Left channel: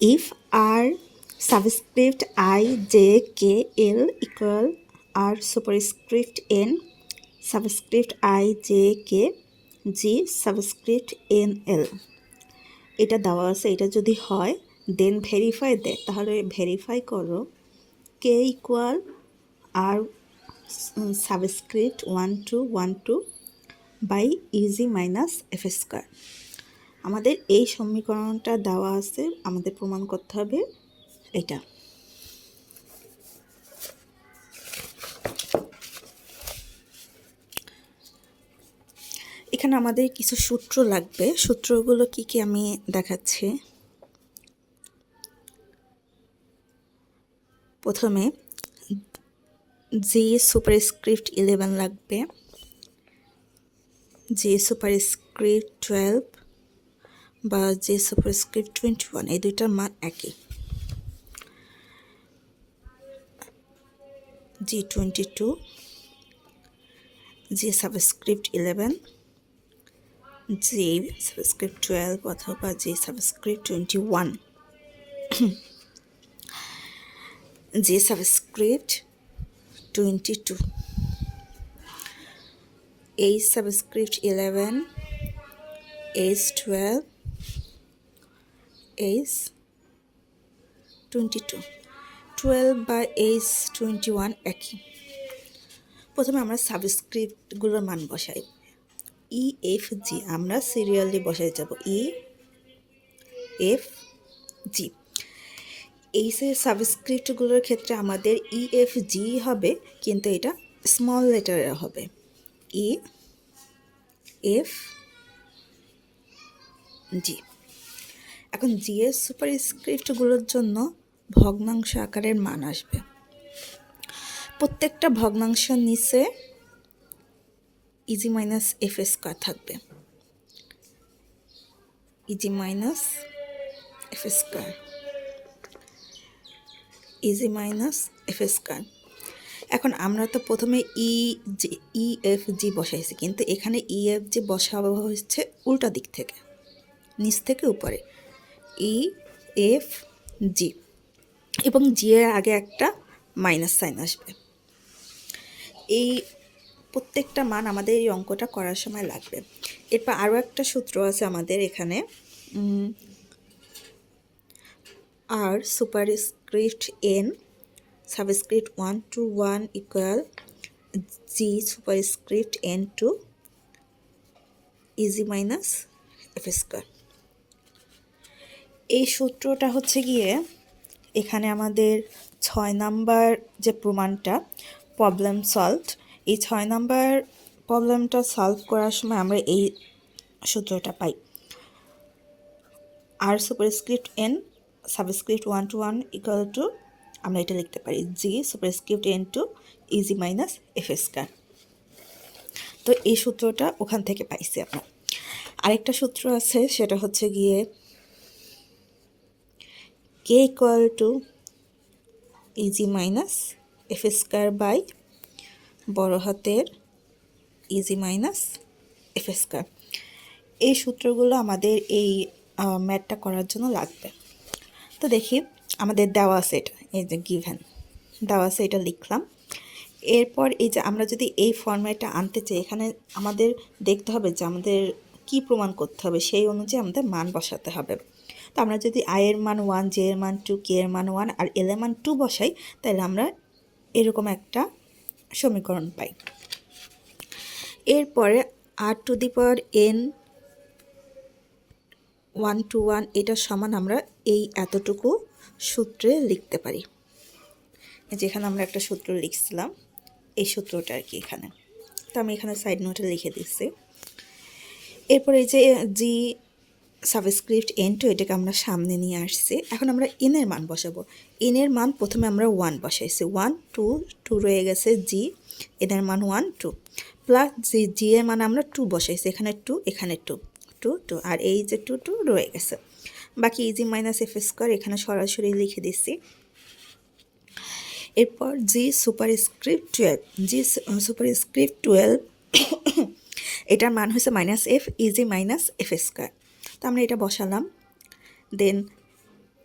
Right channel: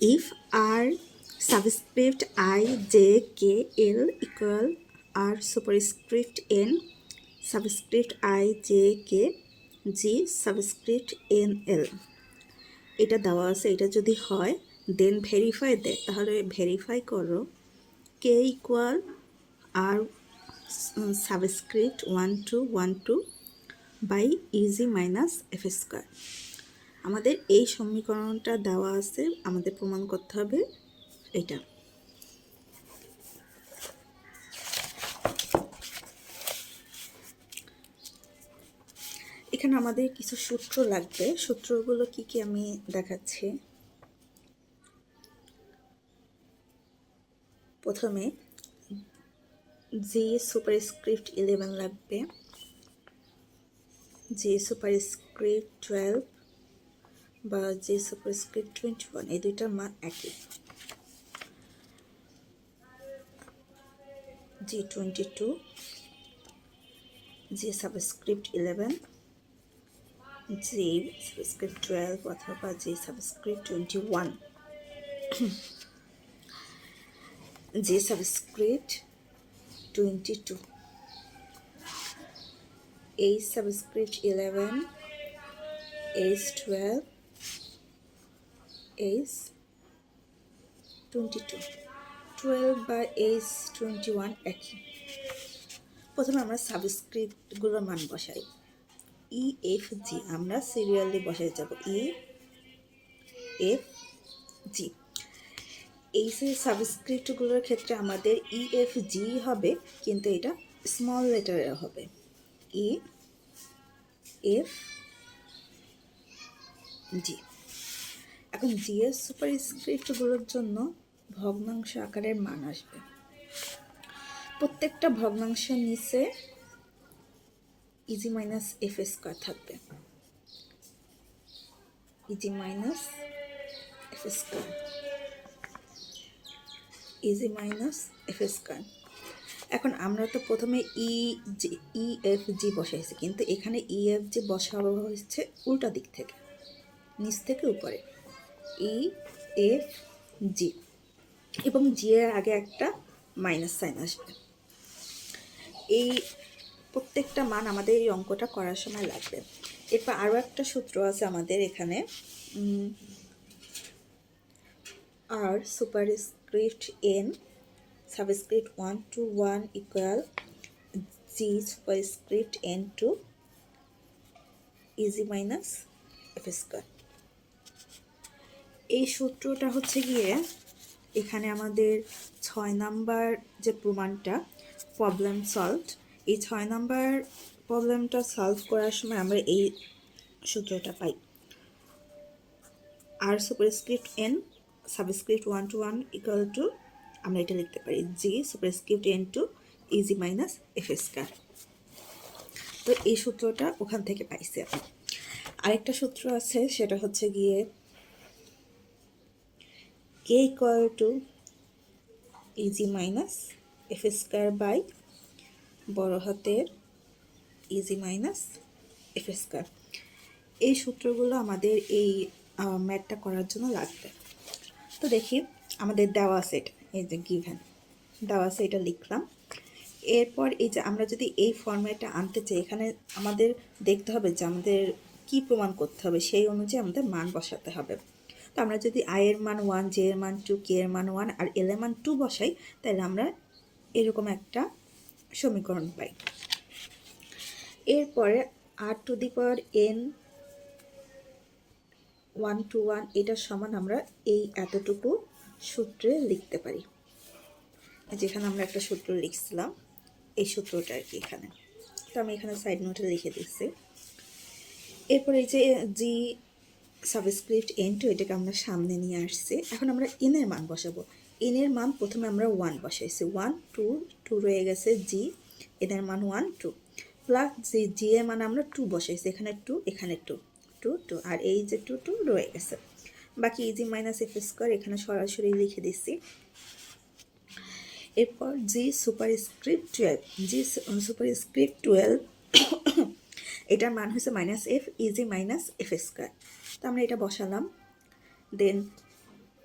if r subscript I, j, k, l equal r superscript n subscript I, j, k, g subscript n l এটা দেওয়া আছে। এটা যদি হয় দেন verify দেয়, তাহলে ভেরিফাই করো K equal R subscript 1212 by E G minus F square. আমাদের এই সমীকরণটা দেওয়া আছে, আমাদের প্রমাণ করতে হবে এটা। এখানে আমাদের কিছু সূত্র লাগবে, সূত্রগুলো কি কি আমি দেখাচ্ছি। প্রথমে জি সুপারস্ক্রিপ্ট 11 লাগবে, জি সুপারস্ক্রিপ্ট 12 বা জি সুপারস্ক্রিপ্ট 21, এই দুইটার মান একই। জি 22, জি সাবস্ক্রিপ্ট 11, জি সাবস্ক্রিপ্ট 12 অথবা জি সাবস্ক্রিপ্ট 21, জি subscript 22, H subscript 11, H 12, H 22, 12 বা H 21 একই। প্রথমে আমরা সাবস্ক্রিপ্টগুলোর মান বসাই। ই এফ জি আমরা সিরিয়ালি বসাই যাব, ই এফ জি। এই সাবস্ক্রিপ্টগুলোর ক্ষেত্রে আমাদের ই এফ জি হবে, কিন্তু এটা স্মল লেটারে হবে, ই এফ জি। এখন জি এর সুপারস্ক্রিপ্টগুলোর জন্য ভগ্নাংশ আকারের মান আসবে। প্রত্যেকটা ভগ্নাংশের নিচে ইজি মাইনাস এফ স্কোয়ার থাকবে, easy minus F square, easy minus F square. এখন আমরা তো প্রথমে ই এফ জি বসাইছি, কিন্তু এখানে ই এফ জি বসানো হচ্ছে উল্টা দিক থেকে, নিচ থেকে উপরে, ই এফ জি, এবং জি এর আগে একটা মাইনাস সাইন আসবে। এই প্রত্যেকটা মান আমাদের এই অঙ্কটা করার সময় লাগবে। এরপর আরও একটা সূত্র আছে আমাদের এখানে, R superscript N subscript 1 to 1 equal G superscript N two E G minus F square. এই সূত্রটা হচ্ছে গিয়ে এখানে আমাদের 6 নাম্বার যে প্রমাণটা প্রবলেম সলভড, এই 6 নাম্বার প্রবলেমটা সলভ করার সময় আমরা এই সূত্রটা পাই। R superscript N subscript 1 to 1 equal to, আমরা এটা লিখতে পারি G superscript N two E G minus F square. তো এই সূত্রটা ওখান থেকে পাইছি আমরা। আরেকটা সূত্র আছে, সেটা হচ্ছে গিয়ে K equal to E G minus F square by বড় হাতের ইজি মাইনাস এফ স্কোয়ার। এই সূত্রগুলো আমাদের এই ম্যাথটা করার জন্য লাগবে। তো দেখি আমাদের দেওয়া আছে, এটা এই যে গিভেন দেওয়া আছে, এটা লিখলাম। এরপর এই যে আমরা যদি এই ফর্ম্যাটটা আনতে চাই, এখানে আমাদের দেখতে হবে যে আমাদের কি প্রমাণ করতে হবে, সেই অনুযায়ী আমাদের মান বসাতে হবে। তো আমরা যদি আই এর মান 1, জে এর মান 2, কে এর মান 1 আর এল এর মান 2 বসাই, তাহলে আমরা এরকম একটা সমীকরণ পাই। এরপরে R to the power N 1 to 1 এটা সমান আমরা এই এতটুকু সূত্রে লিখতে পারি। যেখানে আমরা একটা সূত্র লিখছিলাম, এই সূত্রটা আর কি এখানে, তো আমি এখানে সাইড নোটে লিখে দিচ্ছি। এরপর এই যে জি সাবস্ক্রিপ্ট এন টু, এটাকে আমরা সামনে নিয়ে আসছি। এখন আমরা এনের মান বসাবো। এনের মান প্রথমে আমরা 1 বসাইছি, 1 2 2 রয়ে গেছে জি, এনের মান 1 2 প্লাস জি এর মান আমরা 2 বসাইছি, এখানে 2 এখানে 2 2 2 আর এই যে 2 2 রয়ে গেছে। বাকি ইজি মাইনাস এফ স্কোয়ার এখানে সরাসরি লিখে দিচ্ছি। এরপর জি সুপারস্ক্রিপ্ট 12, জি সুপারস্ক্রিপ্ট 12 এটার মান হয়েছে minus F easy minus F square. তো আমরা এটা বসালাম। দেন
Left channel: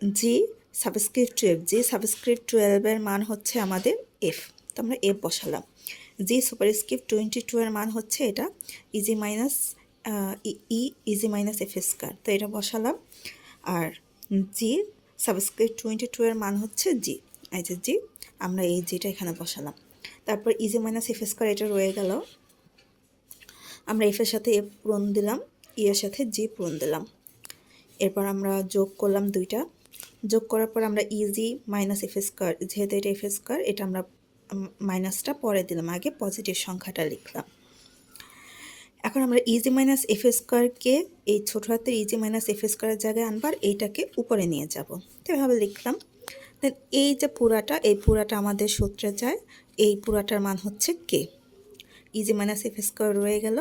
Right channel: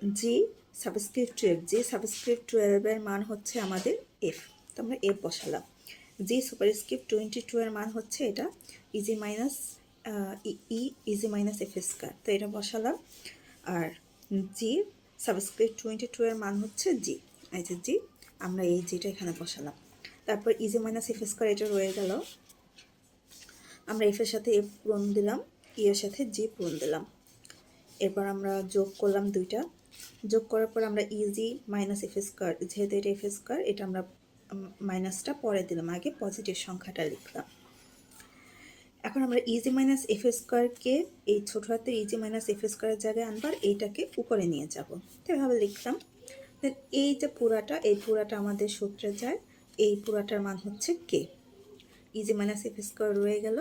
জি সাবস্ক্রিপ্ট 12, জি সাবস্ক্রিপ্ট 12 এর মান হচ্ছে আমাদের এফ, তো আমরা এফ বসালাম। জি সুপারস্ক্রিপ্ট 22 এর মান হচ্ছে এটা easy minus easy minus F square, তো এটা বসালাম। আর জি সাবস্ক্রিপ্ট 22 এর মান হচ্ছে জি, এই যে জি, আমরা এই জিটা এখানে বসালাম। তারপর ইজি মাইনাস এফ স্কয়ার এটা রয়ে গেল, আমরা এফের সাথে এফ পূরণ দিলাম, ই এর সাথে জি পূরণ দিলাম। এরপর আমরা যোগ করলাম দুইটা, যোগ করার পর আমরা ইজি মাইনাস এফ স্কয়ার, যেহেতু এটা এফ স্কয়ার, এটা আমরা মাইনাসটা পরে দিলাম, আগে পজিটিভ সংখ্যাটা লিখলাম। এখন আমরা ইজি মাইনাস এফ স্কয়ারকে এই ছোট হাতের ইজি মাইনাস এফ স্কয়ারের জায়গায় আনবার এইটাকে উপরে নিয়ে যাব, তো এভাবে লিখলাম। দেন এই যে পুরাটা, এই পুরাটা আমাদের সূত্রে যায়, এই পুরাটার মান হচ্ছে K, E G minus F square রয়ে গেল।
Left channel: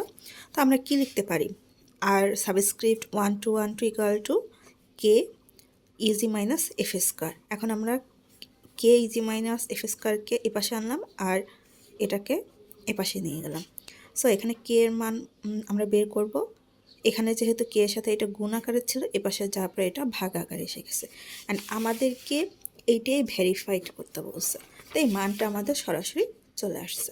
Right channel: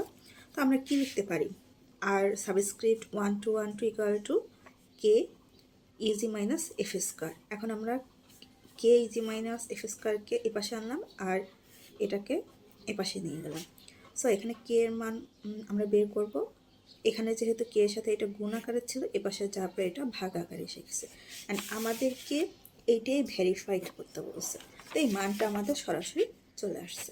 তো আমরা কি লিখতে পারি, R subscript 1 to 1 equal to K E G minus F square. এখন আমরা কে ইজি মাইনাস এফ স্কয়ারকে এপাশে আনলাম আর এটাকে এপাশে নিয়ে গেলাম। সো এখানে কে এর মান আমরা বের করব। এখানে যেহেতু কে এর সাথে এটা গুণ আকারে ছিল, এপাশে যাওয়ার পরে এটা ভাগ আকারে এসে গেছে, অ্যান্ড আমাদেরকে এইটাই ভেরিফাইড করতে বলছে, তো এই মানটা আমাদের সরাসরি চলে আসছে।